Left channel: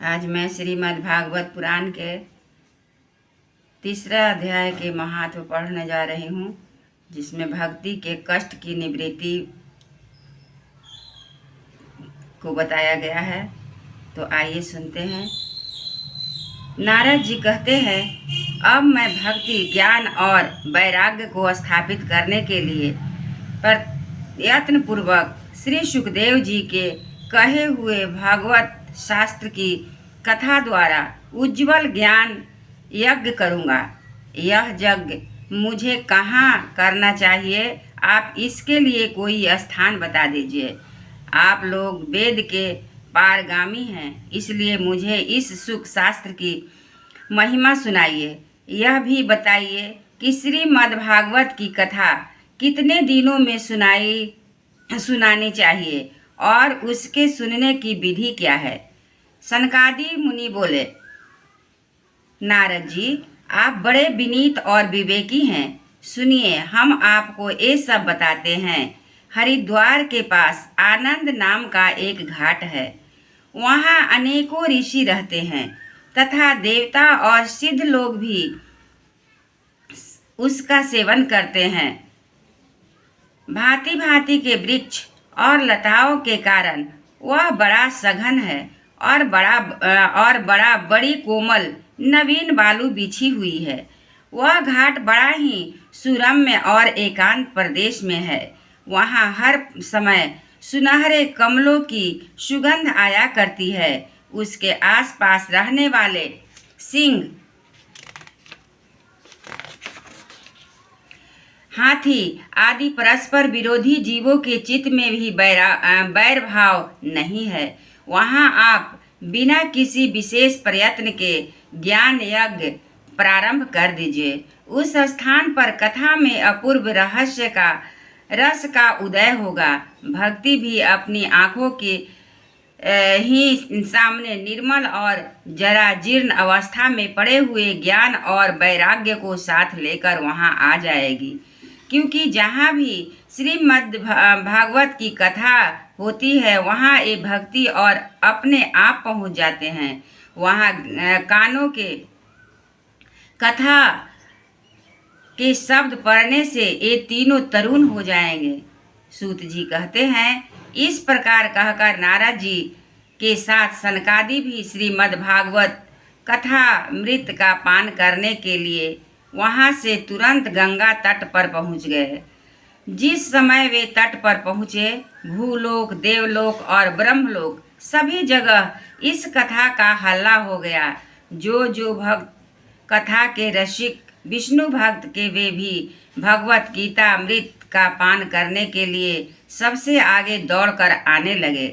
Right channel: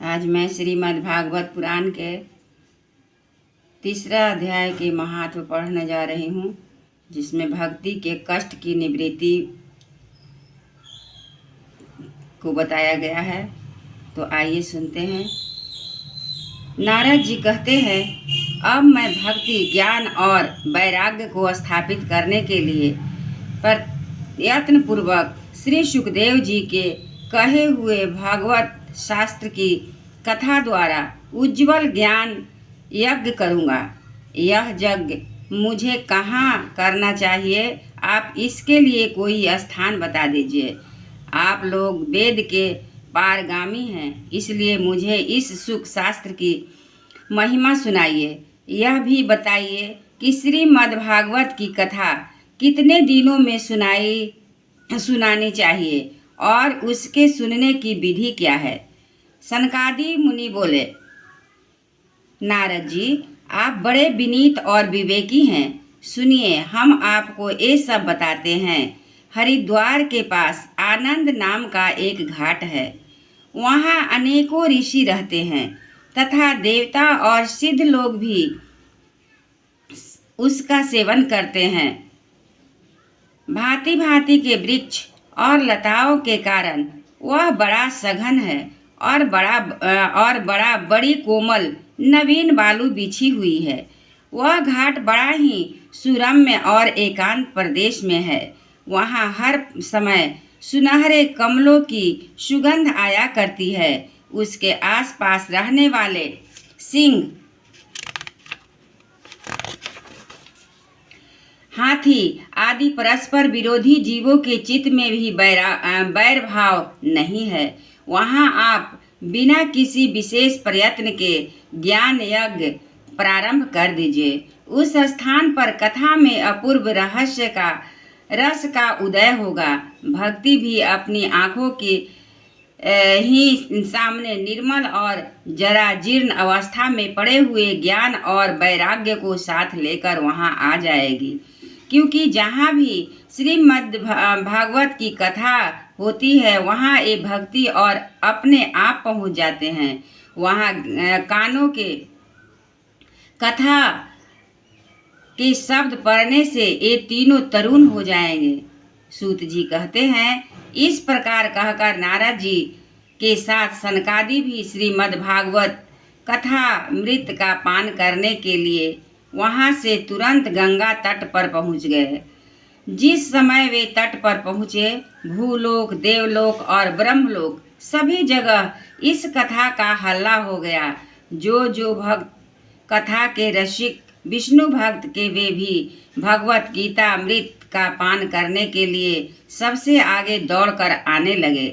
आज मैं श्रीमद् भागवत पुराण के तीसरा अध्याय के महात्म पढ़ने जा रही हूँ, जिसमें भक्ति के कष्ट की निवृत्ति को बताया गया है। तो आइए सुनते हैं। नारद जी कहते हैं, अब मैं भक्ति, ज्ञान और वैराग्य को स्थापित करने के लिए प्रयत्न पूर्वक श्री सुखदेव जी के कहे हुए भागवत शास्त्र की कथा द्वारा उज्जवल ज्ञान यज्ञ करूँगा। यह यज्ञ मुझे कहाँ करना चाहिए? आप इसके लिए कोई स्थान बता दीजिए। आप लोग वेद के पारगामी हैं, इसलिए मुझे इस सुख शास्त्र की महिमा सुनाइए। यह भी बताइए कि श्रीमद्भागवत की कथा कितने दिनों में सुनानी चाहिए और उसके सुनने की विधि क्या है? सनकादि मुनि बोले, नारद जी, आप बड़े विनीत और विवेकी हैं। सुनिए, हम आपको ये सब बताते हैं। हरिद्वार के पास आनंद नाम का एक घाट है। वहाँ अनेकों ऋषि रहते हैं तथा देवता और सिद्ध लोग भी उसका सेवन करते हैं। भांति भांति के वृक्ष और लताओं के कारण वह बड़ा सघन है और बड़ी कोमल नवीन बालू बिछी हुई है। वह घाट बड़ा ही सुरम्य और एकांत प्रदेश में है। वहाँ हर समय सुनहरे कमलों की सुगंध आया करती है। उसके आसपास रहने वाले सिंह, हाथी आदि परस्पर विरोधी जीवों के चित्त में भी बैर भाव नहीं है। वहाँ आप बिना किसी विशेष प्रयत्न के ज्ञान यज्ञ प्रारंभ कर दीजिए। उस स्थान पर कथा में अपूर्व रस का उदय होगा। भक्ति भी अपनी आँखों के ही सामने निर्मल और जरा जीर्ण अवस्था में पड़े हुए ज्ञान और वैराग्य को साथ लेकर वहाँ आ जाएगी। क्योंकि जहाँ भी श्रीमद् भागवत की कथा होती है, वहाँ ये भक्ति और अपने आप पहुँच जाते हैं। वहाँ कानों के कथा के शब्द पढ़ने से ये तीनों तरुण हो जाएंगे। सूत जी कहते हैं, इस प्रकार कहकर नारद जी के साथ सनकादि भी श्रीमद् भागवत कथा मृत का पान करने के लिए वहाँ से तुरंत गंगा तट पर पहुँच गए। जिस समय वे तट पर पहुँचे, भूलोक, देवलोक और ब्रह्मलोक सभी जगह इस कथा का हल्ला हो गया। जो भक्त कथा के रसिक विष्णु भक्त के वे भी भगवत गीता अमृत का पान करने के लिए सबसे आगे दौड़कर आने लगे।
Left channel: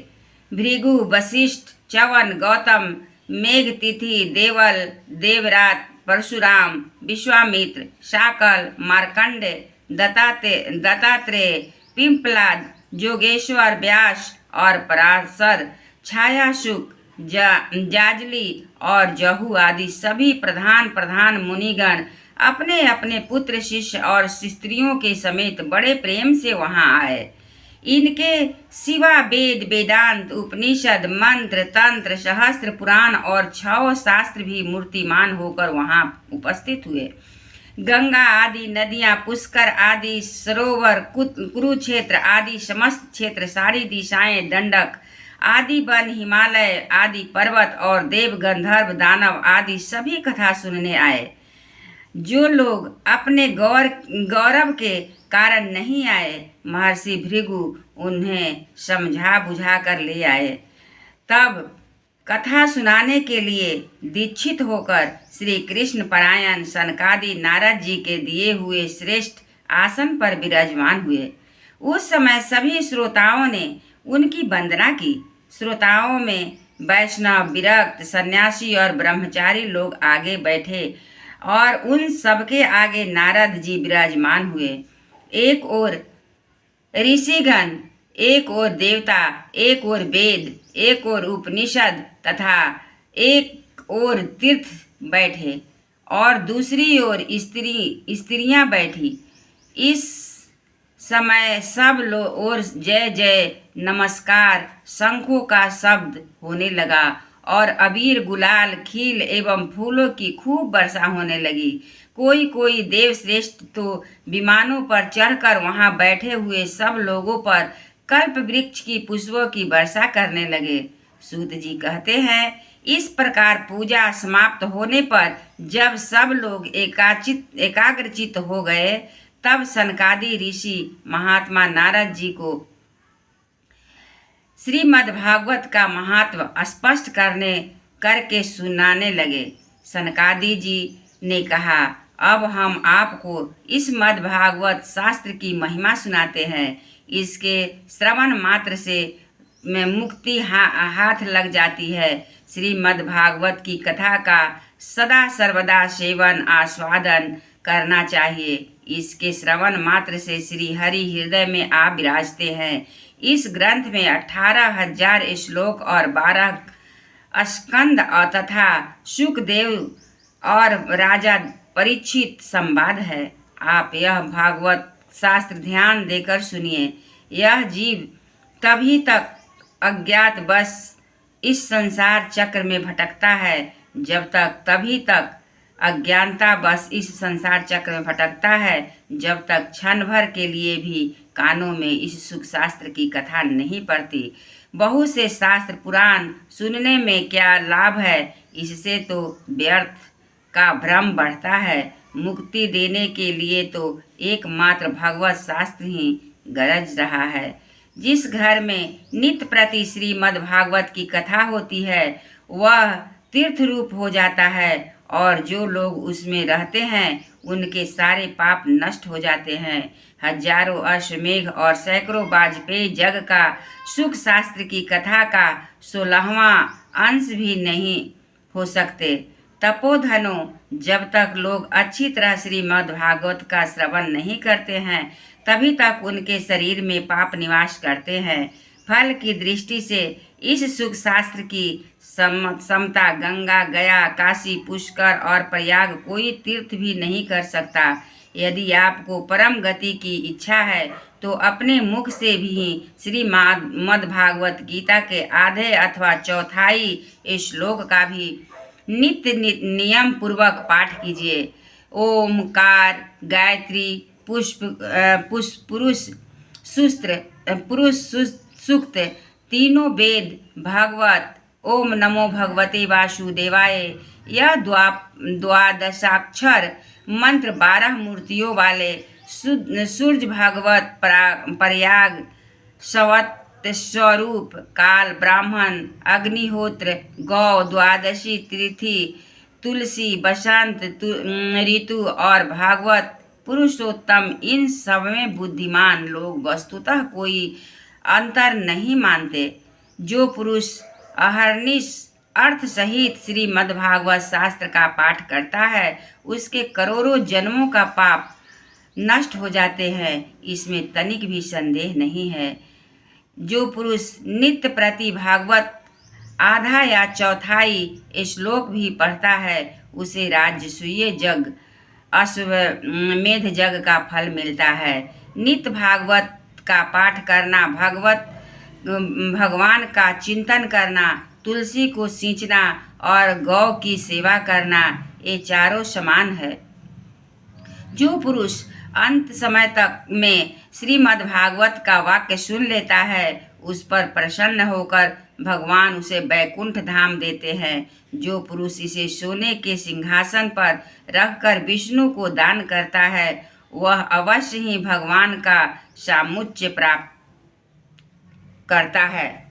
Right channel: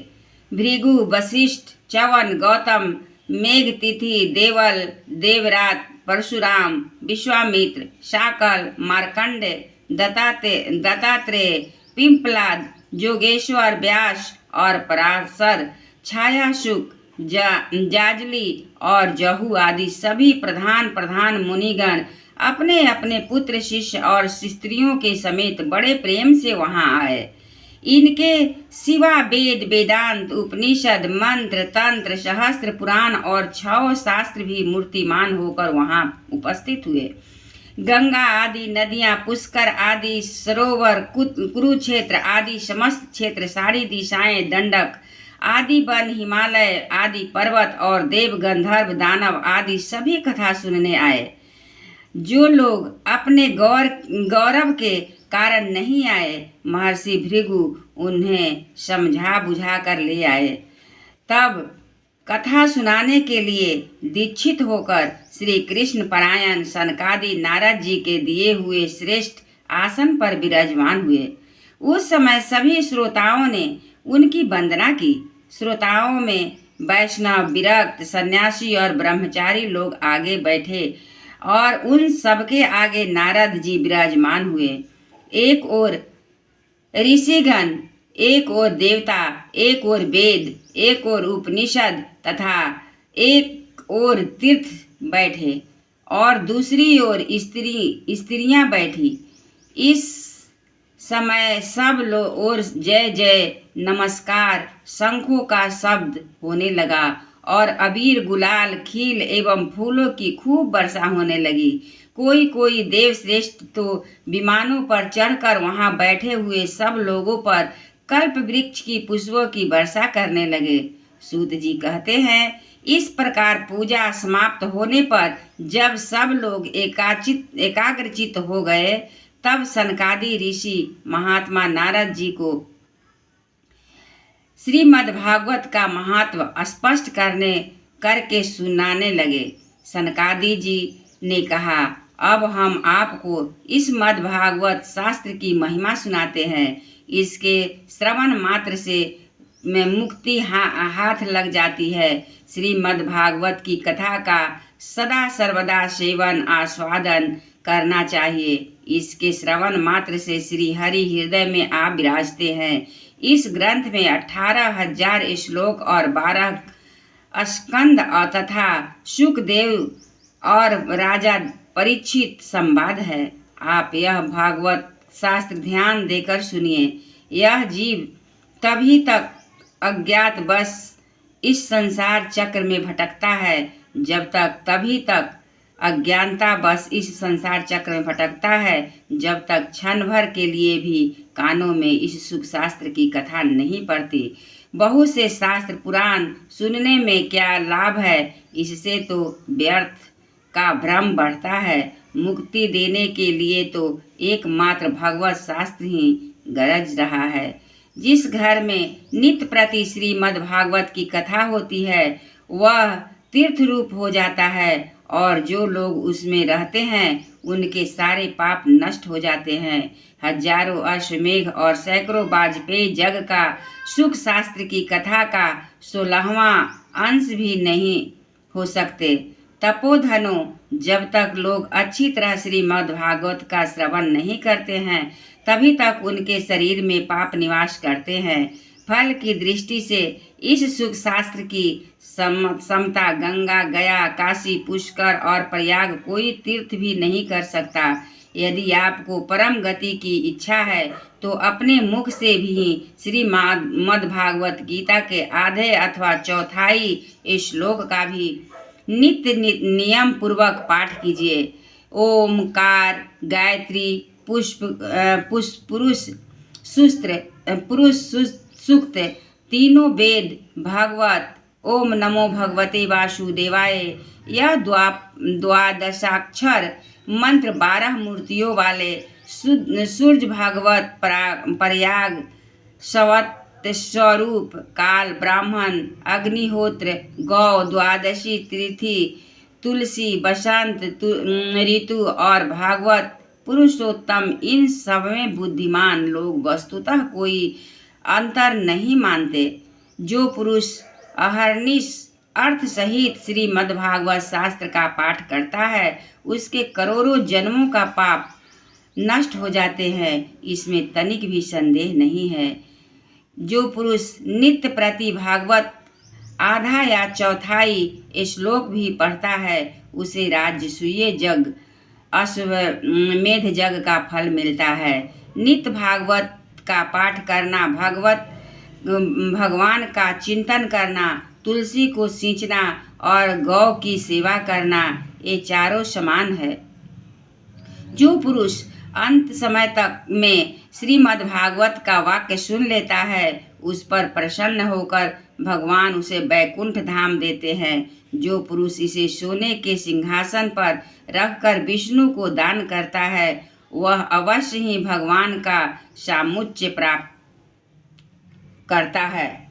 भृगु, वशिष्ठ, च्यवन, गौतम, मेघतिथि, देवल, देवरात, परशुराम, विश्वामित्र, शाकल, मार्कंड, दत्तात्रेय, पिंपलाद, जोगेश्वर, व्यास और पराशर, छायासुक, जाजली और जहू आदि सभी प्रधान मुनिगण अपने अपने पुत्र, शिष्य और स्त्रियों के समेत बड़े प्रेम से वहां आए। इनके सिवा वेद, वेदांत, उपनिषद, मंत्र, तंत्र, सहस्त्र पुराण और 6 शास्त्र भी मूर्तिमान होकर वहां उपस्थित हुए। गंगा आदि नदियां, पुष्कर आदि सरोवर, कुरुक्षेत्र आदि समस्त क्षेत्र, सारी दिशाएं, दंडक आदि वन, हिमालय आदि पर्वत और देव, गंधर्व, दानव आदि सभी कथा सुनने आए। जो लोग अपने गौरव के कारण नहीं आए, महर्षि भृगु उन्हें समझा बुझा कर ले आए। तब कथा सुनाने के लिए दीक्षित होकर श्री कृष्ण परायण सनकादि नारद जी के दिए हुए श्रेष्ठ आसन पर विराजमान हुए। उस समय सभी श्रोताओं ने उनकी वंदना की। श्रोताओं में वैष्णव, विरक्त, सन्यासी और ब्रह्मचारी लोग आगे बैठे और उन सबके आगे नारद जी विराजमान हुए। एक ओर ऋषिगण, एक ओर देवता, एक ओर वेद, एक ओर उपनिषद तथा एक ओर तीर्थ बैठे और दूसरी ओर स्त्रियां बैठी। इस समय सब ओर जय जय, नमस्कार, शंखों का शब्द होने लगा और अबीर, गुलाल, खील एवं फूलों की खूब वर्षा होने लगी। कोई कोई देवश्रेष्ठ तो विमानों पर चढ़कर वहां बैठे हुए सब लोगों पर कल्प वृक्ष की पुष्पों की वर्षा करने लगे। सूत जी कहते हैं, इस प्रकार पूजा समाप्त होने पर जब सब लोग एकाग्रचित हो गए, तब सनकादि ऋषि महात्मा नारद जी को श्रीमद्भागवत का महत्व स्पष्ट करके सुनाने लगे। सनकादि जी ने कहा, अब हम आपको इस मद्भागवत शास्त्र की महिमा सुनाते हैं। इसके श्रवण मात्र से में मुक्ति हाथ लग जाती है। श्रीमद्भागवत की कथा का सदा सर्वदा सेवन आस्वादन करना चाहिए। इसके श्रवण मात्र से श्री हरि हृदय में आ विराजते हैं। इस ग्रंथ में 18,000 श्लोक और 12 स्कंद और तथा सुखदेव और राजा परीक्षित संवाद है। आप यह भागवत शास्त्र ध्यान देकर सुनिए। यह जीव तभी तक अज्ञात बस इस संसार चक्र में भटकता है तभी तक अज्ञानता बस इस संसार चक्र में भटकता है जब तक क्षण भर के लिए भी कानों में इस सुख शास्त्र की कथा नहीं पड़ती। बहुत से शास्त्र पुराण सुनने में क्या लाभ है, इससे तो व्यर्थ का भ्रम बढ़ता है। मुक्ति देने के लिए तो एकमात्र भगवत शास्त्र ही गरज रहा है। जिस घर में नित्य प्रति श्रीमद्भागवत की कथा होती है, वह तीर्थ रूप हो जाता है और जो लोग उसमें रहते हैं उनके सारे पाप नष्ट हो जाते हैं। हजारों अश्वमेघ और सैकड़ों वाजपेयी जग का सुख शास्त्र की कथा का 16वां अंश भी नहीं हो सकते। तपोधनों, जब तक लोग अच्छी तरह श्रीमद्भागवत का श्रवण नहीं करते हैं, तभी तक उनके शरीर में पाप निवास करते हैं। फल की दृष्टि से इस सुख शास्त्र की समता गंगा, गया, काशी, पुष्कर और प्रयाग कोई तीर्थ भी नहीं कर सकता। यदि आपको परम गति की इच्छा है तो अपने मुख से भी श्रीमद्भागवत गीता के आधे अथवा चौथाई श्लोक का भी नित्य नियम पूर्वक पाठ कीजिए। ओमकार, गायत्री, पुरुष सूक्त, तीनों वेद, भागवत, ओम नमो भगवते वासुदेवाय, यह द्वादशाक्षर मंत्र 12 मूर्तियों वाले सूर्य भागवत, प्रयाग, सवत स्वरूप, काल, ब्राह्मण, अग्निहोत्र, गौ, द्वादशी तिथि, तुलसी, बसंत ऋतु और भागवत पुरुषोत्तम, इन सब में बुद्धिमान लोग वस्तुतः कोई अंतर नहीं मानते। जो पुरुष अहर्निश अर्थ सहित श्रीमद्भागवत शास्त्र का पाठ करता है, उसके करोड़ों जन्मों का पाप नष्ट हो जाते हैं, इसमें तनिक भी संदेह नहीं है। जो पुरुष नित्य प्रति भागवत आधा या चौथाई श्लोक भी पढ़ता है, उसे राजसूय जग, अश्वमेध जग का फल मिलता है। नित्य भागवत का पाठ करना, भगवान का चिंतन करना, तुलसी को सींचना और गौ की सेवा करना, ये चारों समान है। जो पुरुष अंत समय तक में श्रीमद्भागवत का वाक्य सुन लेता है, उस पर प्रसन्न होकर भगवान उसे बैकुंठ धाम देते हैं। जो पुरुष इसे सोने के सिंहासन पर रखकर विष्णु को दान करता है, वह अवश्य ही भगवान का सामुच्य प्राप्त करता है।